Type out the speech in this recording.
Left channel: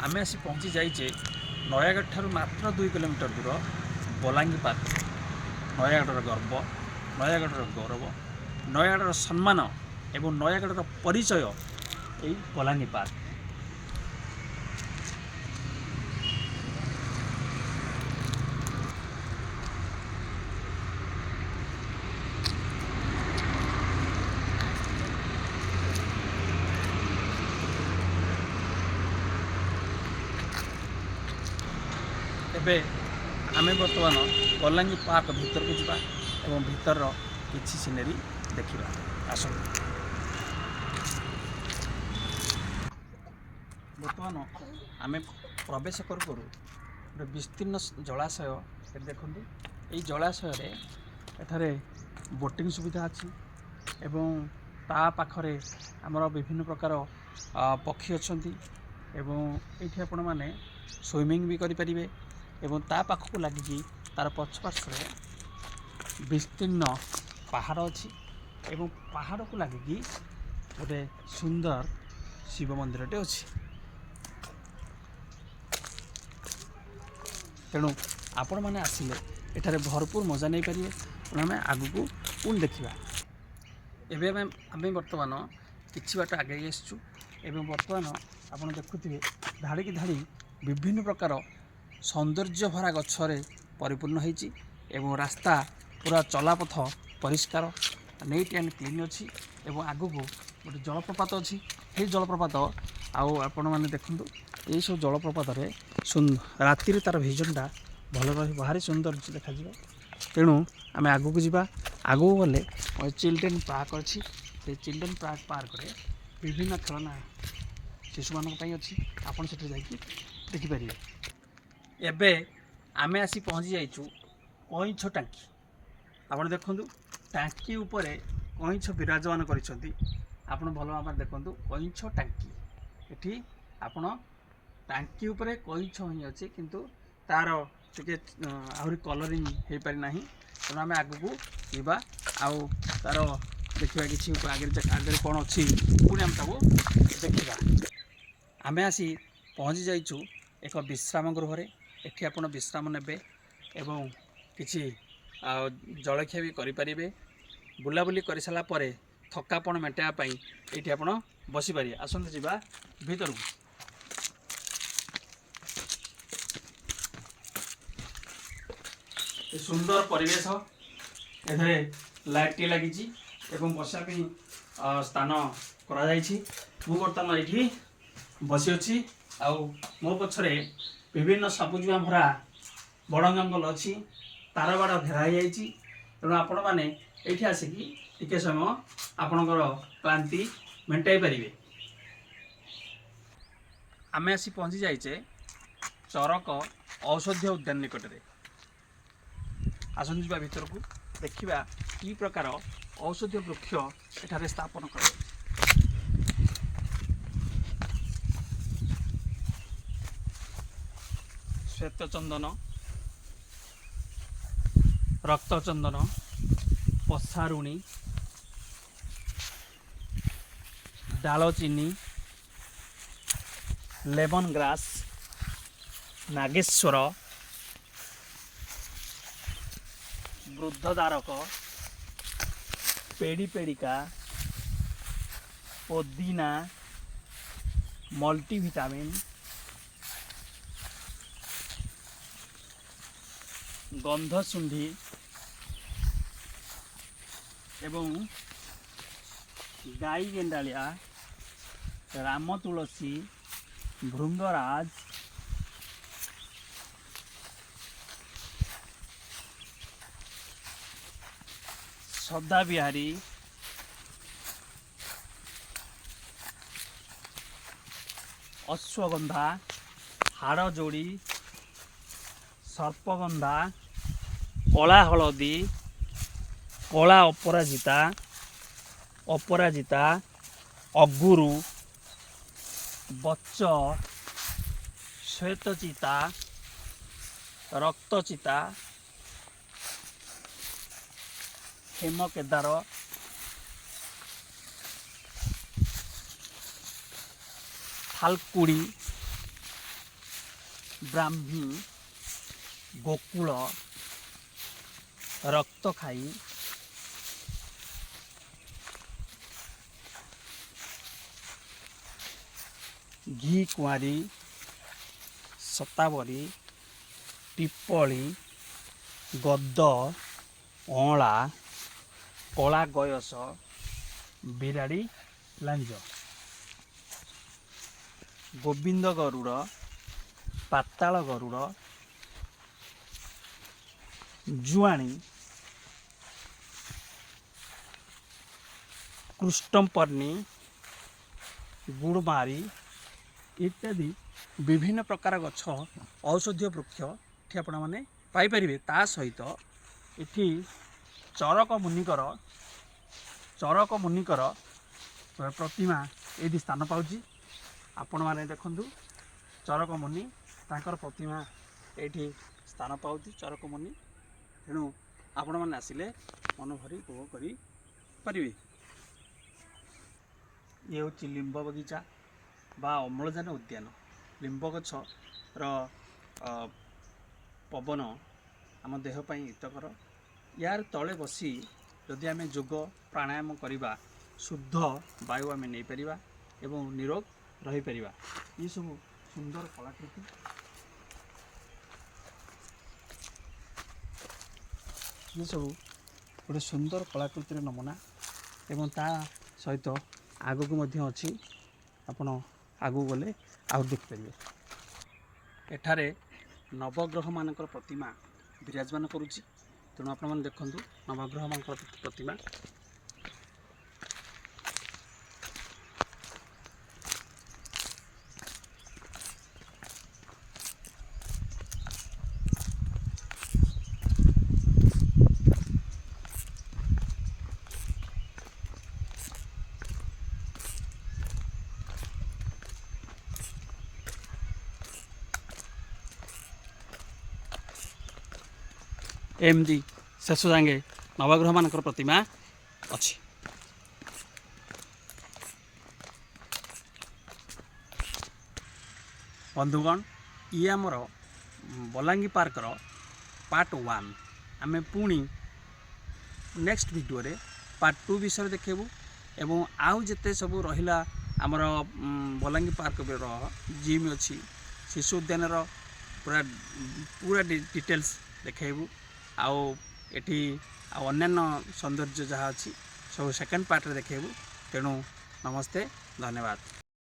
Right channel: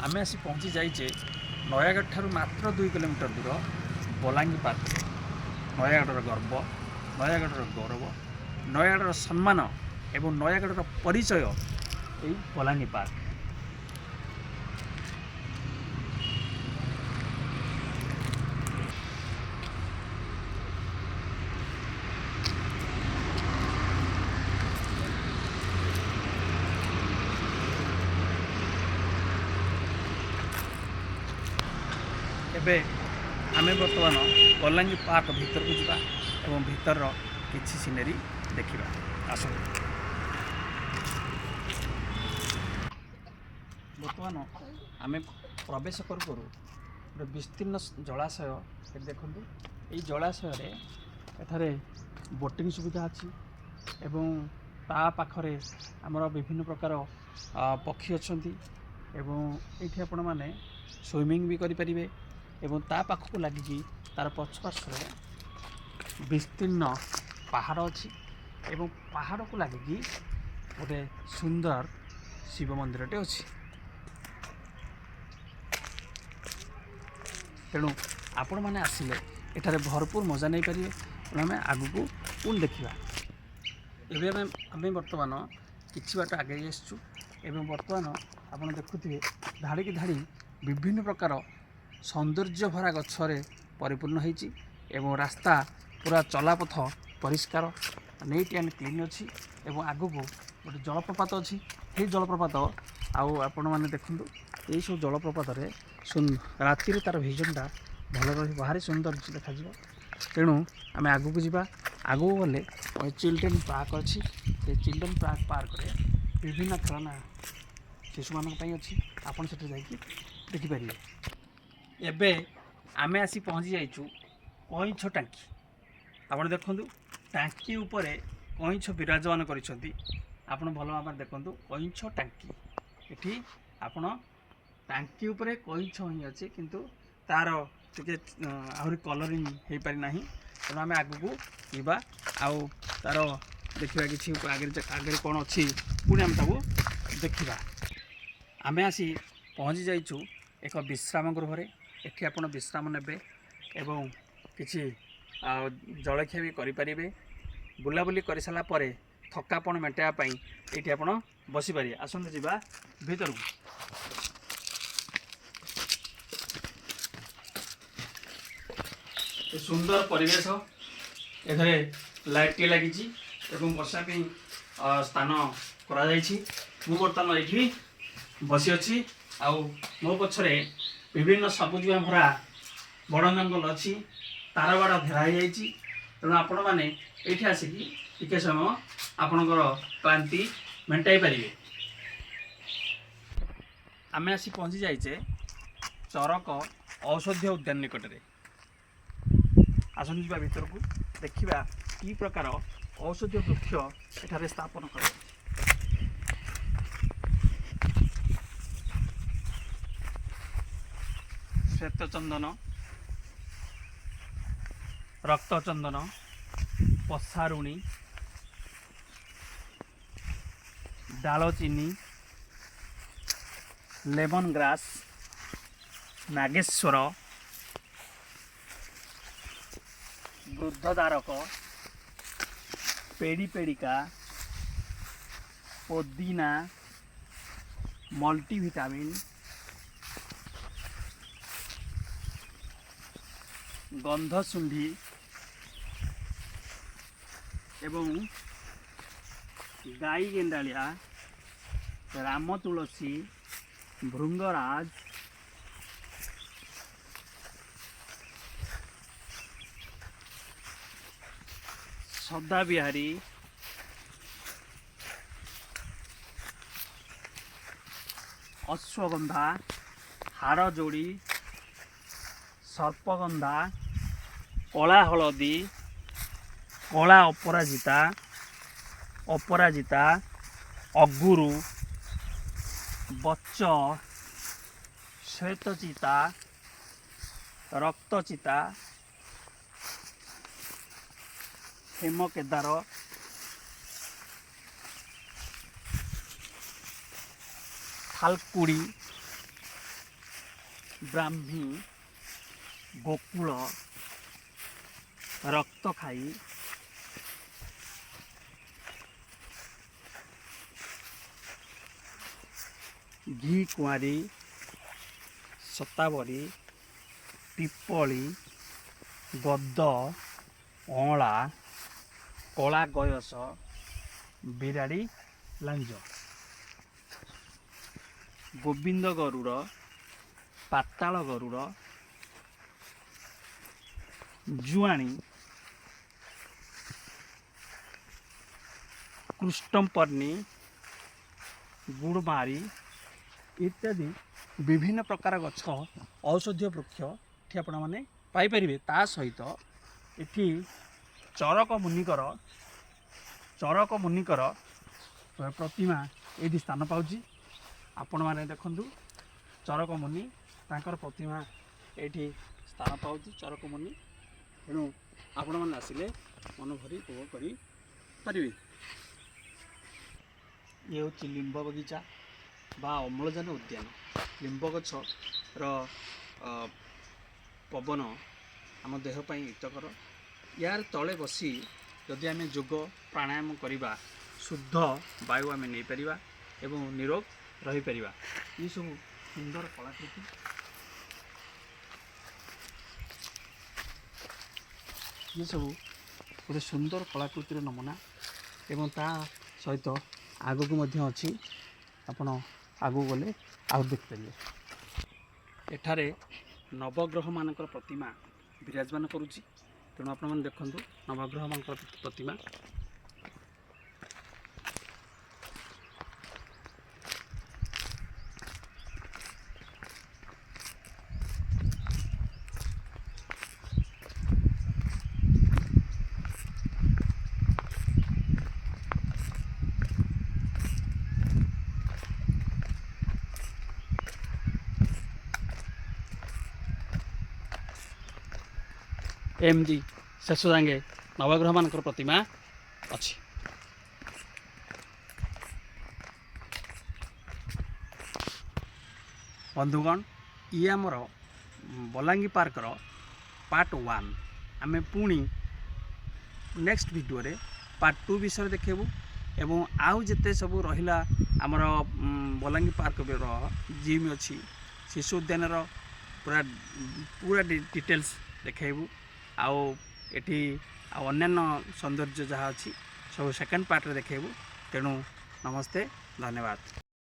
आमे आसी पहुँची जाइए नयागढ़ ठारू मात्र 2 किलोमीटर दूर बलांगी पार्क। नयागढ़ गर्व, नयागढ़ गौरव, नयागढ़ सम्मान एवं नयागढ़ परिचय यही बलांगी पार्क। एबे आमे बर्तमान बलांगी पार्क भीतर को जावा एवं भीतर किछि सीनेरी देखिबा। आसो बर्तमान आमे प्रवेश करू करू गोटे विस्तीर्ण जलाशय ये देखंतु। एई जलाशय रे एठारे बोटिंग सुविधा अछि एवं ता पाखरे हमर विभिन्न प्रकार पक्षी अछंती एवं एठी आपण माने स्विमिंग भी करि परिबे एवं ता पाखକୁ ଲାଗିକି तार पछपार्श्वे विस्तीर्ण पहाड़ अच्छी एवं पहाड़ को लगिकी गोटे सुंदर शिव मंदिरटे अच्छी। तेणु आपण मैंने आसिले एठारे भरपूर मजा नहीं पारे। तेणु आम आगू को पुणी देखा। एवं आम बर्तमान किछि बाट आगे आसचु एवं बर्तमान आप देखुए धाड़ी की धाड़ी विभिन्न प्रकार सौंदर्य भरा गच्छरे परिपूर्ण होती एवं रास्ता पूरा चलापथ परिष्कार नीट एंड क्लीन अच्छी एवं आगू को गोटे जलप्रपात अच्छी। ये जलप्रपात आपण मैंने देखु यही सब जलप्रपात राति तार भिजनटा भल भारी सुंदर देखा। तेणु आम आगू को जावा। आगू गले चिल्ड्रेन पार्क अच्छी। चिल्ड्रेन पार्क रे विभिन्न खेलना शिशु मान अच्छी आपड़ से देखिपारे। एबे आमे आसी पहुँची जाइचु कईछ टांकी। आपण देखु टांकी उपरे कईछ विराजमान करिसंती। आपण भल भाव देखु कईछ टांकी एठी आपण टांकी उपरे कईछ ही अच्छे किंतु तार टिके आहरी कलरिंग हो पारि नाही। तेणु आम आगू को जीवा आउ तार देखा कि आगे कौन अच्छी पुणी आम ताको देखा। आमे आसी पहुँची जाइचु एक विश्राम गृह। एठी आपण विश्राम नेबे एवं किछि जलखिया भी करें। बुलाबुली कर सारा पर थकापण मेटाइबा पई एठी आपण बसी पारे। आसंते जीवा भीतर को। सुंदर परिवेश एठे लाइट लगी एवं बसा स्थान करा जायछि। मु बर्तमान एठी बसी अछि आउ मो पछरे विभिन्न सबुज भरा बड़ जंगल अच्छी तार बाड़ घेरा जाइए। तेणु आपण मैंने ये आसिकी टिके समय आपणकर क्लांति मेटाई पारे। आमे आसी पहुँची जाइए चरक औषधीय उद्यान निकटरे। आसନ୍ତୁ ଯିବା ଭିତରକୁ ଦେଖିବା कि प्रकार औषधीय वृक्ष एठारे स्थापन कर। श्वेतचंदन, रक्तचंदन, पसारुणी, दालचीनी, लेमन ग्रास, नागेश्वर, वृद्धदारक, पेड़िका, पुदीना, मल्टीविटामिन, गंधसुंढी एवं गाई गेंडालिया, राम तुलसी, भृंगराज, सदा बिहारी, अश्वगंधा, हाड़जोड़ी, सर्पगंधा, कला हलदी, कला अपराजिता, अपराजिता, अगुरु, बच्च, श्वेतचिता, रक्तचिता, हेमकेदार, थालकुड़ी, ବ୍ରାହ୍ମୀ, ଗୋକୁଳ, ରକ୍ତଖାଇ, ଘି କୁଆଁରୀ, ଶତାବରୀ, ପିପଳି, ଗଦ, ଅଁଳା, କଳା ଗୟସ, ବିରାଡ଼ି ଲାଞ୍ଜ, ଗୋବିନ୍ଦ ଗରୁଡ଼, ପାତାଳ ଗରୁଡ଼, ଜୁଆଣୀ, କୃଷ୍ଣପର୍ଣ୍ଣି, ଗୁଡ଼ମାରୀ ଇତ୍ୟାଦି ବିଭିନ୍ନ ପ୍ରକାର ଗଛ ଔଷଧୀୟ ବୃକ୍ଷ ଏଠି ଆପଣମାନେ ପାଇପାରିବେ। ତା ସହିତ ଏଠି ଚରକ ମୁନିଙ୍କର ପ୍ରତିମା ଏଇଠି ସ୍ଥାନ ପାଉଛି। ଆପଣମାନେ ଦେଖନ୍ତୁ ଚରକ ମୁନି ତାଙ୍କର ପ୍ରତିମା ଏଇଠି ସ୍ଥାନ ପାଉଛି ଚରକ ମୁନି। ତେଣୁ ଆପଣମାନେ ଆସିଲେ ମନ ଭରି ଉପଭୋଗ କରିପାରିବେ। ଇଏ ହେଉଛି ଲିମ୍ବ ବଗିଚା ବା ଅମ୍ଳଜାନ ଉଦ୍ୟାନ। ଲିମ୍ବ ଗଛର ପବନ ଆମ ଦେହ ପାଇଁ ହିତକର। ୟାର ତଳେ ବସି ଯଦି ଆମେ ଯୋଗ ପ୍ରାଣାୟାମ କରିବା ଶୁଦ୍ଧ ବାୟୁ ଆମେ ନେଇପାରିବା ଏବଂ ନିରୋଗ ରହିପାରିବା। ଏସବୁ ସୁନ୍ଦର କଳାକୃତି। ଏସବୁ ଗୋଟେ ସୁନ୍ଦର କଳାକୃତିର ନମୁନା ଏବଂ ତା ସହିତ ଆଗକୁ ମଧ୍ୟ ଅଛି। ଆପଣ ଆଗକୁ ଗଲେ ଆଉ ଦେଖିପାରିବେ। ଏଠାରେ ନବଗ୍ରହମାନଙ୍କର ପ୍ରତିମା ବିରାଜମାନ କରୁଛି। ତେଣୁ ଆପଣମାନେ ଦେଖନ୍ତୁ ନବଗ୍ରହମାନଙ୍କର ପ୍ରତିମା। ଏମିତି ଶେଷ ଯାଙ୍ଗେ ନବଗ୍ରହମାନଙ୍କର ପ୍ରତିମା ଅଛି। ବନ୍ଧୁଗଣ, ଇଏ ଆମର ବଲାଙ୍ଗୀ ପାର୍କର ପାର୍ଟ 1। ଆମେ ପୁଣି ନେକ୍ସଟ ଭିଡ଼ିଓରେ ପାର୍ଟ 2 ବିଷୟରେ ଦେଖେଇବୁ ଏବଂ ଆଉ ଯେତେ ସବୁ ରହିଲା ଆମର ବଲାଙ୍ଗୀ ପାର୍କର ଜିମ୍ ଅଛି, ଶିଶୁ ଉଦ୍ୟାନର ପୁରା ଡିଟେଲ୍ସ ଦେଖେଇବୁ। ଆଉ ଏଠି ଆଉ ଅନ୍ୟାନ୍ୟ ସୌନ୍ଦର୍ଯ୍ୟ ଯାହା ଅଛି ସବୁ ସେକେଣ୍ଡ ପାର୍ଟରେ ଦେଖେଇବୁ। ତେଣୁ ନମସ୍ତେ, ଧନ୍ୟବାଦ।